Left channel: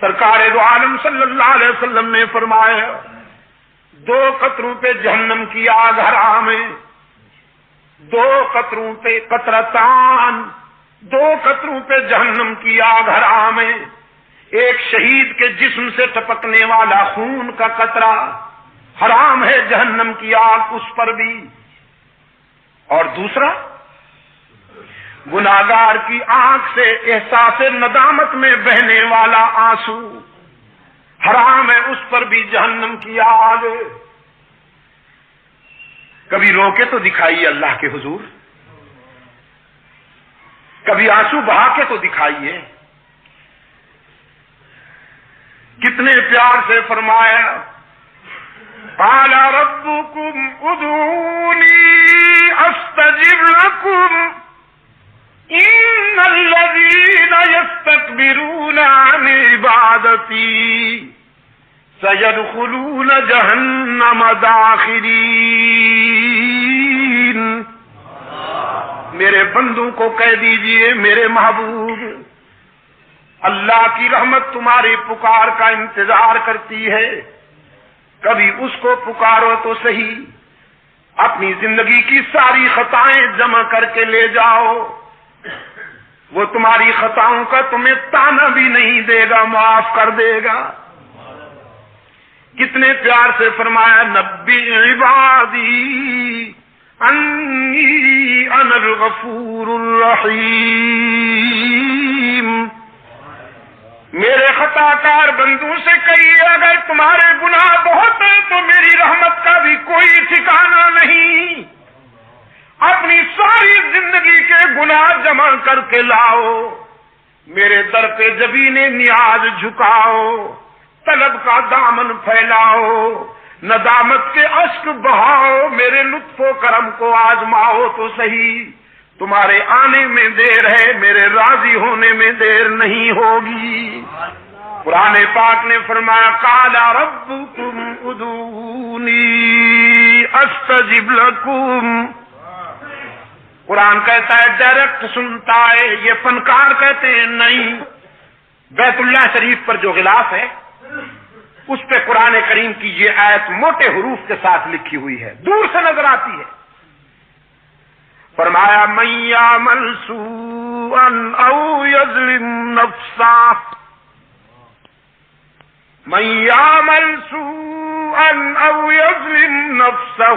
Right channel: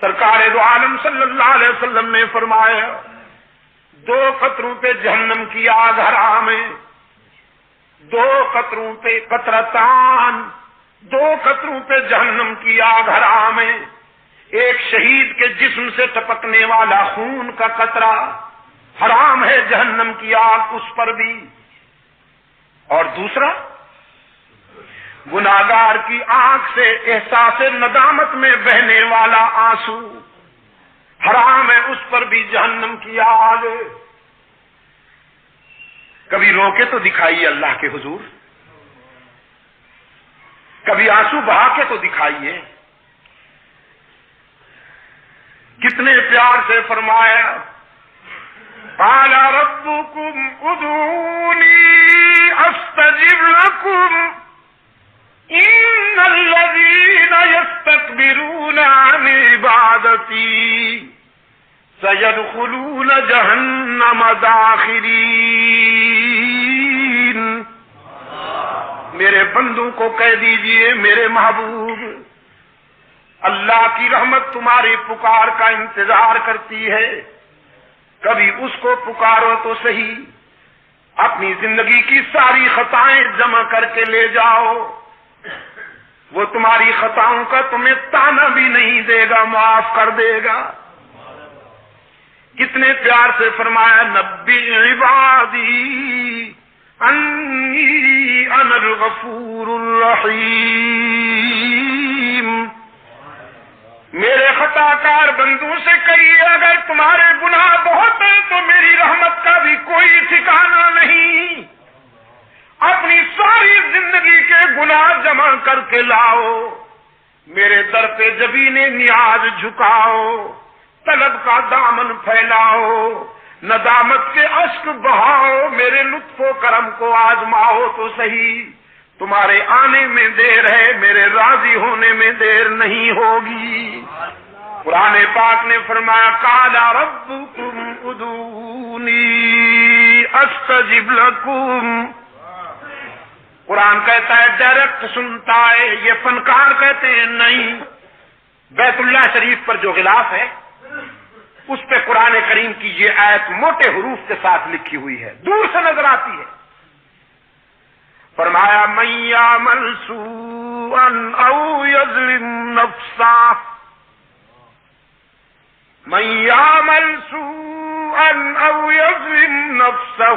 سرکار دو عالم صلی اللہ علیہ وسلم نے فرمایا 2 قطروں پہ جہنم کی آگ حرام ہے، 2 قطروں پہ قطرتان، 2 قطروں پہ جہنم کی آگ حرام ہے۔ ایک شہید کے جسم سے ٹپکنے والا خون کا قطرہ حرام ہے جہنم کی آگ اس پر بھی، اور دوسرا گناہگار کی آنکھ سے احساس ندامت میں بہنے والا آنسو حرام ہے اس پر بھی جہنم کی آگ۔ کبھی رو کے تو دکھائیے اللہ کے حضور، کبھی آنسو بہا کے تو دکھائیے۔ کتنے پیار سے فرمایا قال ربكم ادعوني استجب لكم ان الذين يستكبرون عن عبادتي سيدخلون جهنم داخرين۔ میرے بندوں کو کہہ دیجئے میرے محبوب، اللہ کی رحمت تمہاری پکار کا انتظار کرتی ہے، کبھی اس کو پکارو تو صحیح، اپنی زندگی کی ساری خطائیں جمع کر کے لے جاؤ، وہ تمہاری خطاؤں کا تمہیں تانا بھی نہیں دے گا، معاف کر دے گا۔ کتنے پیار سے فرمایا نبی عبادی انی انا الغفور الرحیم۔ میرے خطا کار بندوں سے کہیے اگر تمہارے گناہ بہت ہیں تو میری رحمت کا بھی کوئی ٹھکانہ نہیں، اپنی ساری زندگی کے گناہ جمع کر کے لاؤ، میرے در پہ جبین نیاز جھکاؤ، طلب کا دامن پھیلاؤ، ندامت کے اشک بہاؤ، میرے لطف و کرم کو آزماؤ تو صحیح، تمہارے آنے میں دیر ہے، میرے راضی ہونے میں دیر نہیں ہوگی۔ قرآن پاک نے فرمایا قال ربکم ادعونی استجب لکم۔ قرآن کہتا ہے ڈائریکٹ سنتا ہے، یہ فنکار کہتے ہیں نہیں۔ بیت اللہ شریف پر جو غلاف ہے اس پہ قرآن کریم کی یہ آیت موٹے حروف کے ساتھ لکھی ہوئی ہے، دور سے نظر آتی ہے۔ فرمایا من یعمل سوءا او یظلم نفسہ، من یعمل سوءا او یظلم نفسہ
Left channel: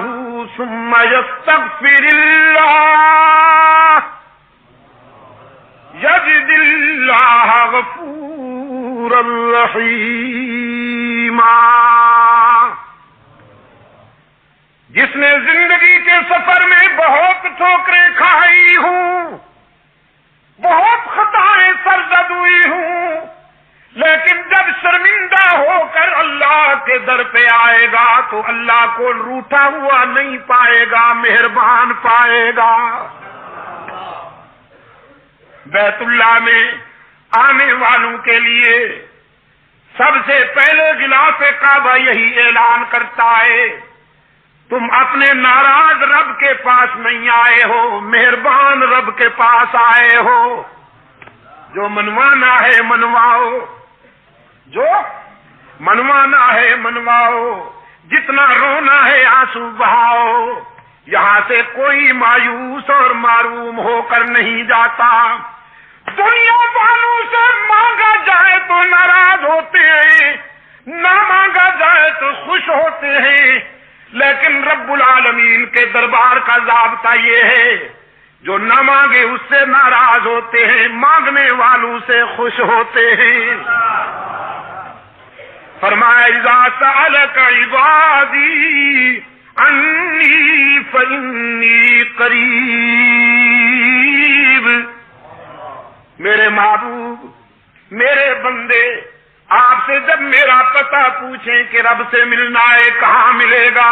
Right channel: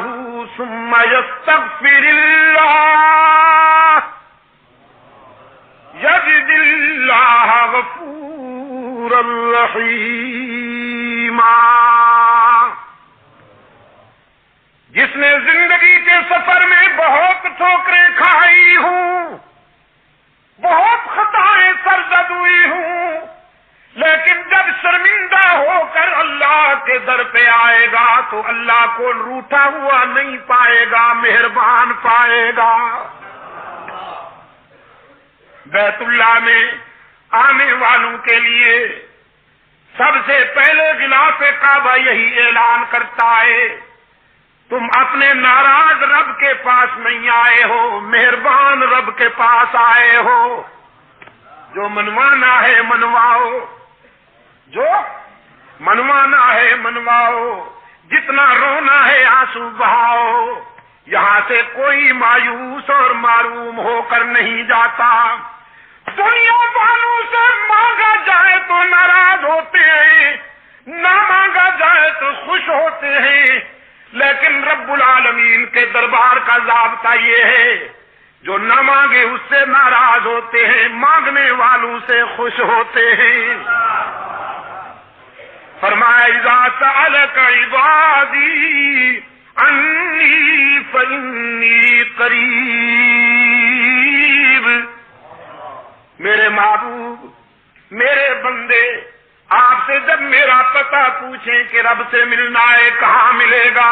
ثم یستغفر اللہ یجد اللہ غفورا رحیما۔ جس نے زندگی کے سفر میں بہت ٹھوکریں کھائی ہوں، بہت خطائیں سرزد ہوئی ہوں، لیکن جب شرمندہ ہو کر اللہ کے در پہ آئے گا تو اللہ کو روٹھا ہوا نہیں پائے گا، مہربان پائے گا۔ بیت اللہ میں آنے والوں کے لیے سب سے پہلے غلاف کعبہ یہی اعلان کرتا ہے تم اپنے ناراض رب کے پاس نہیں آئے ہو، مہربان رب کے پاس آئے ہو۔ جو منوانا ہے منواؤ، جو منوانا ہے منواؤ، جتنا رونا ہے آنسو بہاؤ۔ یہاں سے کوئی مایوس اور معروم ہو کر نہیں جاتا۔ دنیا والوں سے مانگا جائے تو ناراض ہوتے ہیں، نہ مانگا جائے تو خوش ہوتے ہیں، لیکن رب العالمین کے دربار کا ضابطہ یہ ہے جو نہ مانگے اس سے ناراض ہوتے ہیں، مانگنے والوں سے خوش ہوتے ہیں۔ فرمایا اذا سألك عبادی انی فانی قریب۔ میرے محبوب، میرے بندے آپ سے جب میرا پتہ پوچھیں کہ رب سے ملنا ہے کہاں ملے گا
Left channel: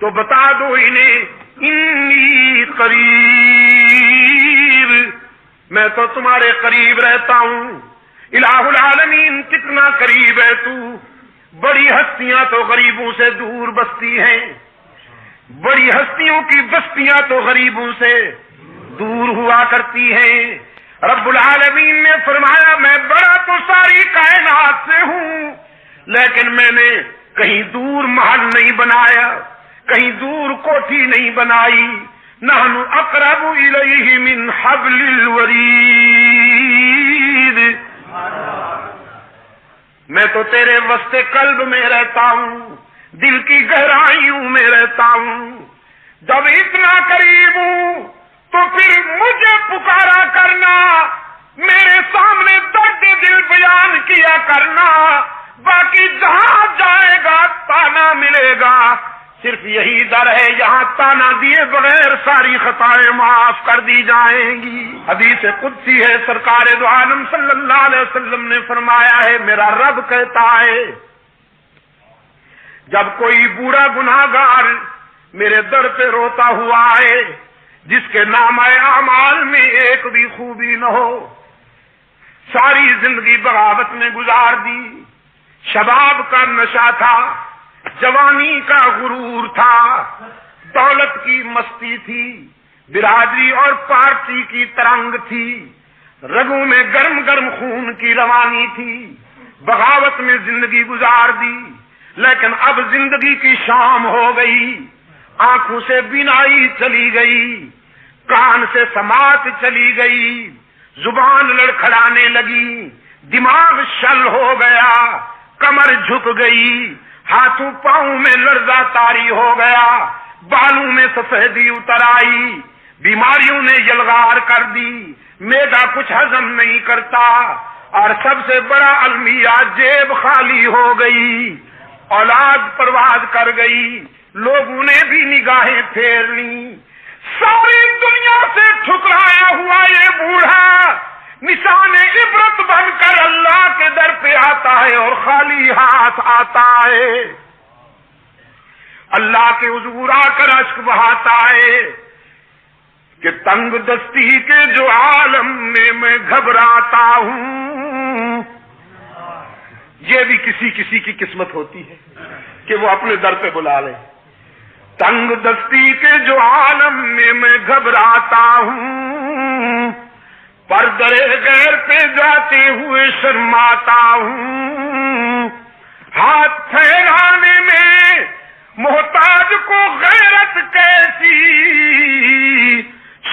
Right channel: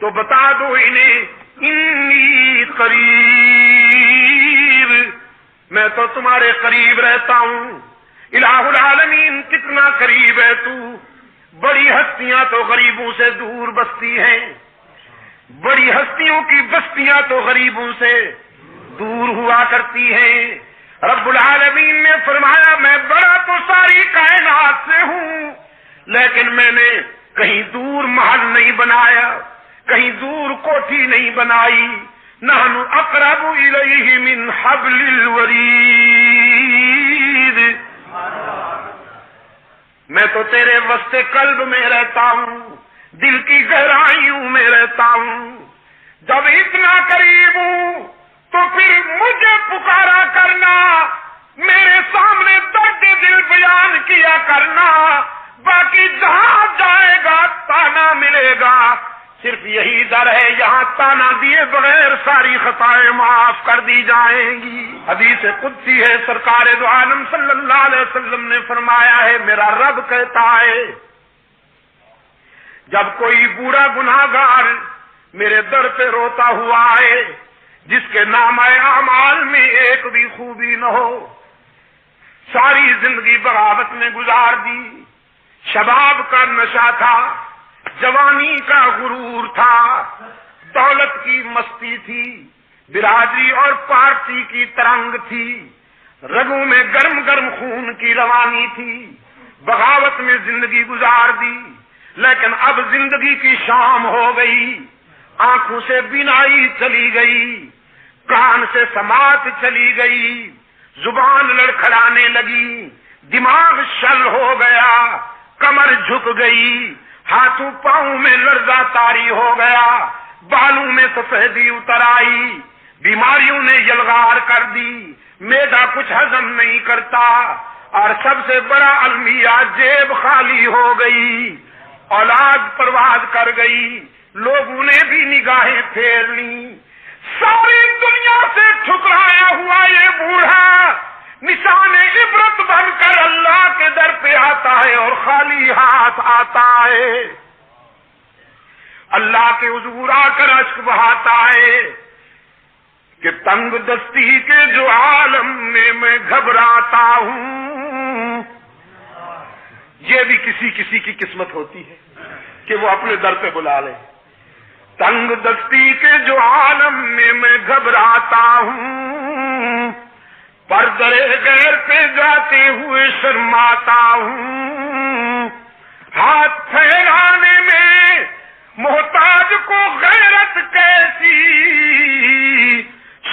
تو بتا دو انہیں انی قریب، میں تو تمہارے قریب رہتا ہوں۔ الہ العالمین کتنا قریب ہے تو، بڑی ہستیاں تو غریبوں سے دور بستی ہیں، بڑی ہستیوں کی بستیاں تو غریبوں سے دور ہوا کرتی ہیں۔ رب العالمین نے فرمایا میں بڑا تو ساری کائنات لیکن میں نے کہیں دور محل نہیں بنایا، کہیں دور کوٹھی نہیں بنائی. نحن اقرب الیہ من حبل الورید. میں تو تیرے وسط قلب میں رہتا ہوں، دل کی گہرائیوں میں رہتا ہوں. جب اتنا قریب ہوں تو پھر مجھے پکارا کرنا، میرے سامنے درد دل بیان کیا کرنا. باقی جہاں جائے گا تانا ملے گا. صرف یہی در ہے یہاں تانا دیے بغیر ساری خطائیں معاف کر دی جائیں گی. حدیث قدسی ہے، سرکار دو عالم صلی اللہ علیہ وسلم نے فرمایا ہے، میرا رب کہتا ہے جب کوئی بوڑھا گناہگار میرے در پہ روتا ہوا ہے، جس کے نامہ اعمال میں ایک بھی خوبی نہ ہو، ساری زندگی بغاوت میں گزار دی، شباب کا نشہ تھا، جوانی کا غرور تھا، دولت کی مستی تھی، برادری اور پارٹی کی ترنگ تھی، رگوں میں گرم گرم خون کی روانی تھی، بغاوت میں زندگی گزار دی. لیکن اب زندگی کی شام ہو گئی، آنکھوں سے بینائی چلی گئی، کان سے سماعت چلی گئی، زبان لڑکھڑانے لگی، دماغ شل ہو گیا، کمر جھک گئی، ہاتھوں پاؤں میں لرزہ طاری ہو گیا، بالوں میں سفیدی اتر آئی، بیماریوں نے یلغار کر دی، معدہ کچھ ہضم نہیں کرتا، اور سب سے بڑا المیہ جیب خالی ہو گئی، اولاد پرواز کر گئی، لوگوں نے بھی نگاہیں پھیر لی. ساری دنیا سے ٹھکرایا ہوا یہ بوڑھا نشان عبرت بن کر اللہ کے در پہ آتا ہے اور خالی ہاتھ آتا ہے. اللہ کے حضور آ کر اشک بہاتا ہے کہ تنگ دستی کے جو عالم میں گھبراتا ہوں. یہ بھی کسی کسی کی قسمت ہوتی ہے کہ وہ اپنے در پہ بلا لے. تنگ دستی کے جو عالم میں گھبراتا ہوں، پر درے غیر پہ جاتے ہوئے شرماتا ہوں. ہاتھ پھیلانے میں محتاج کو غیرت کیسی،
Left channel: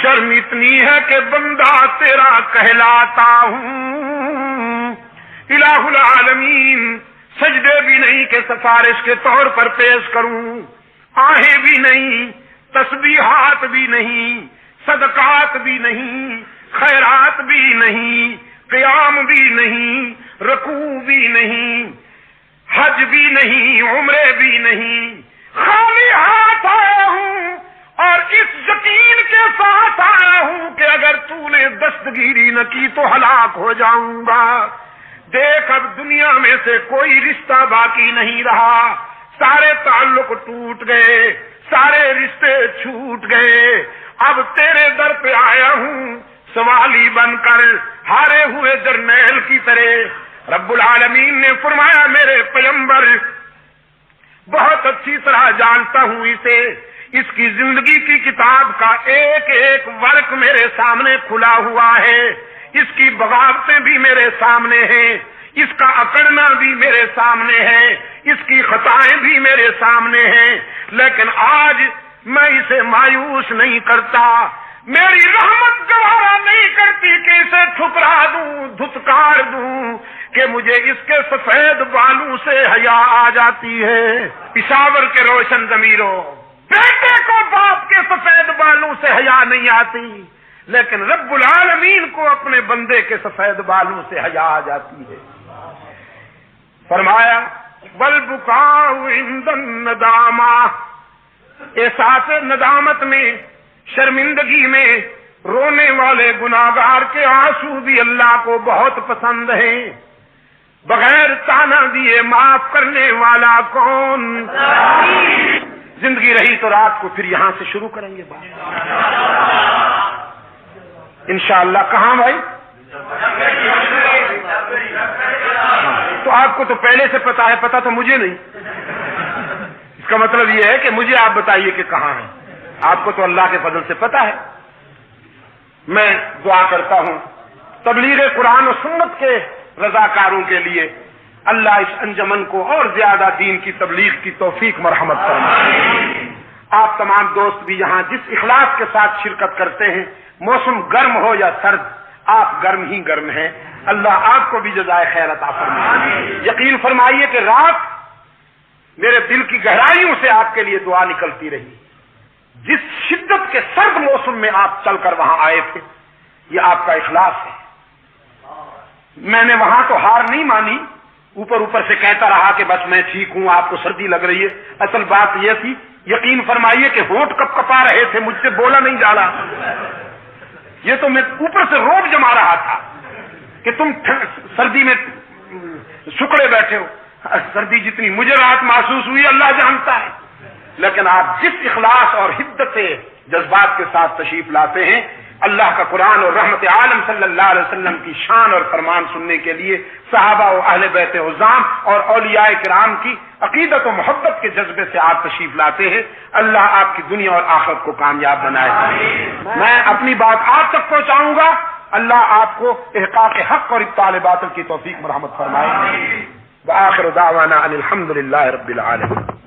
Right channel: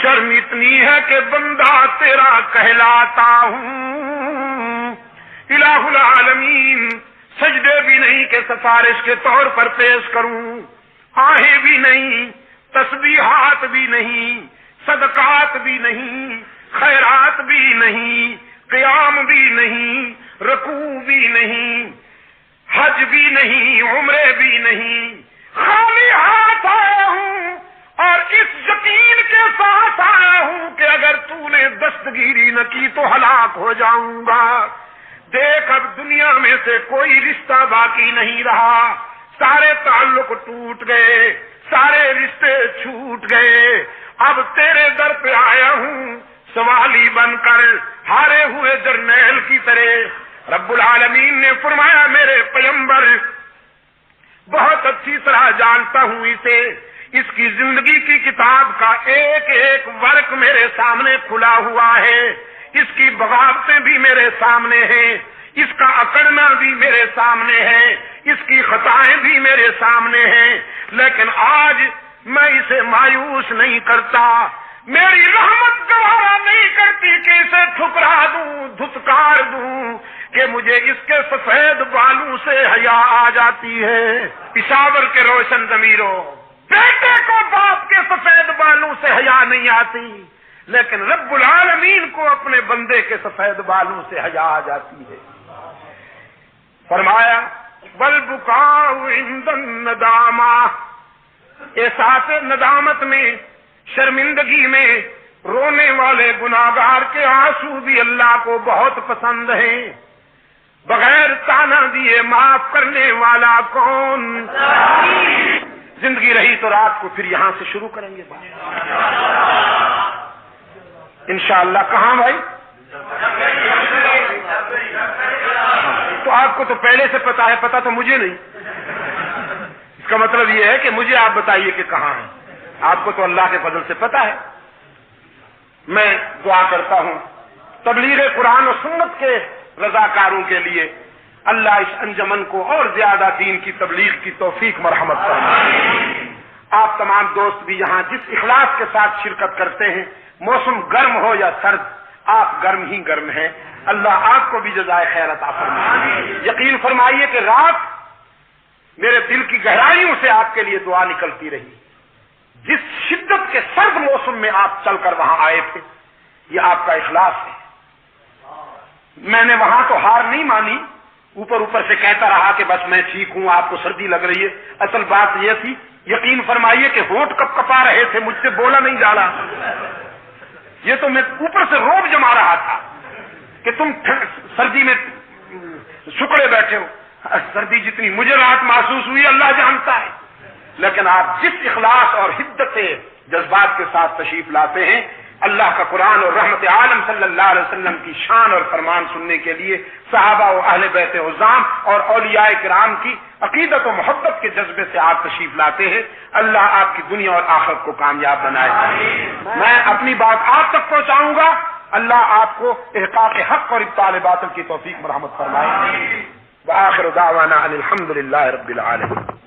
شرم اتنی ہے کہ بندہ تیرا کہلاتا ہوں. الہ العالمین سجدے بھی نہیں کہ سفارش کے طور پر پیش کروں، آہیں بھی نہیں، تسبیحات بھی نہیں، صدقات بھی نہیں، خیرات بھی نہیں، قیام بھی نہیں، رکوع بھی نہیں، حج بھی نہیں، عمرے بھی نہیں، خالی ہاتھ آیا ہوں اور اس یقین کے ساتھ آیا ہوں کہ اگر تو نے دستگیری نہ کی تو ہلاک ہو جاؤں گا. دیکھ اب دنیا میں سے کوئی رشتہ باقی نہیں رہا، سارے تعلق ٹوٹ گئے، سارے رشتے چھوٹ گئے. اب تیرے در پہ آیا ہوں سوالی بن کر، ہارے ہوئے جرنیل کی طرح. رب العالمین نے فرمایا میرے پیغمبر بہت اچھی طرح جانتا ہوں اسے، اس کی زندگی کی کتاب کا ایک ایک ورق میرے سامنے کھلا ہوا ہے، اس کی بغاوتیں بھی میرے سامنے ہیں، اس کا اکڑنا بھی میرے سامنے ہے، اس کی خطائیں بھی میرے سامنے ہیں. لیکن آج میں اسے مایوس نہیں کرتا، میری رحمت گوارا نہیں کرتی کہ اسے ٹھکرا دوں، دھتکار دوں، کہ مجھے اس کے سفید بالوں سے حیا آ جاتی ہے. پشاور کے روشن ضمیروں، بیٹے کو باپ کے سفید بالوں سے حیا نہیں آتی، لیکن رب العالمین کو اپنے بندے کے سفید بالوں سے حیا آ جاتی ہے. فرمایا والبکاء عند الندامہ، احساس ندامت میں، شرمندگی میں رونے والے گناہگار کے آنسو بھی اللہ کو بہت پسند ہیں. بغیر تانا دیے معاف کرنے والا کون؟ زندگی رہی تو رات کو پھر یہاں سے شروع کریں گے بات انشاءاللہ. کہاں بھائی؟ تو آپ کو تو پہلے سے پتا ہے، پتا تو مجھے نہیں. اس کا مطلب یہ ہے کہ مجھے آپ بتائیے کہ کہاں ہیں. آپ کو تو اللہ کے فضل سے پتا ہے. میں دعا کرتا ہوں تبلیغ قرآن و سنت کے رضاکاروں کے لیے، اللہ اس انجمن کو اور زیادہ دین کی تبلیغ کی توفیق مرحمت فرمائے۔ آپ تمام دوست بھی یہاں جس اخلاص کے ساتھ شرکت کرتے ہیں، موسم گرم ہو یا سرد، آپ گرم ہی گرم ہیں، اللہ آپ کو بھی جزائے خیر عطا فرمائے۔ یقین فرمائیے کہ رات میرے دل کی گہرائیوں سے آپ کے لیے دعا نکلتی رہی۔ جس شدت کے سرد موسم میں آپ چل کر وہاں آئے تھے، یہ آپ کا اخلاص ہے۔ میں نے وہاں تو ہار نہیں مانی، اوپر اوپر سے کہتا رہا کہ بس میں ٹھیک ہوں، آپ کو سردی لگ رہی ہے۔ اصل بات یہ تھی، یقین فرمائیے کہ ہونٹ کپ کپا رہے تھے، مجھ سے بولا نہیں جا رہا، یہ تو میں اوپر سے روب جما رہا تھا کہ تم سردی میں سکڑے بیٹھے ہو۔ سردی جتنی مجھے رات محسوس ہوئی اللہ جانتا ہے، لیکن آپ جس اخلاص اور حدت سے جذبات کے ساتھ تشریف لاتے ہیں، اللہ کا قرآن اور رحمت عالم صلی اللہ علیہ وسلم کی شان اور فرمان سننے کے لیے صحابہ و اہل بیت عظام اور اولیاء کرام کی عقیدت و محبت کے جذبے سے آپ تشریف لاتے ہیں۔ اللہ آپ کی دنیا اور آخرت کو کامیاب بنائے۔ میں اپنی بات آپ تک پہنچاؤں گا، اللہ آپ کو احقاق حق اور ابطال باطل کی توفیق مرحمت فرمائے۔ وآخر دعوانا ان الحمد للہ رب العالمین۔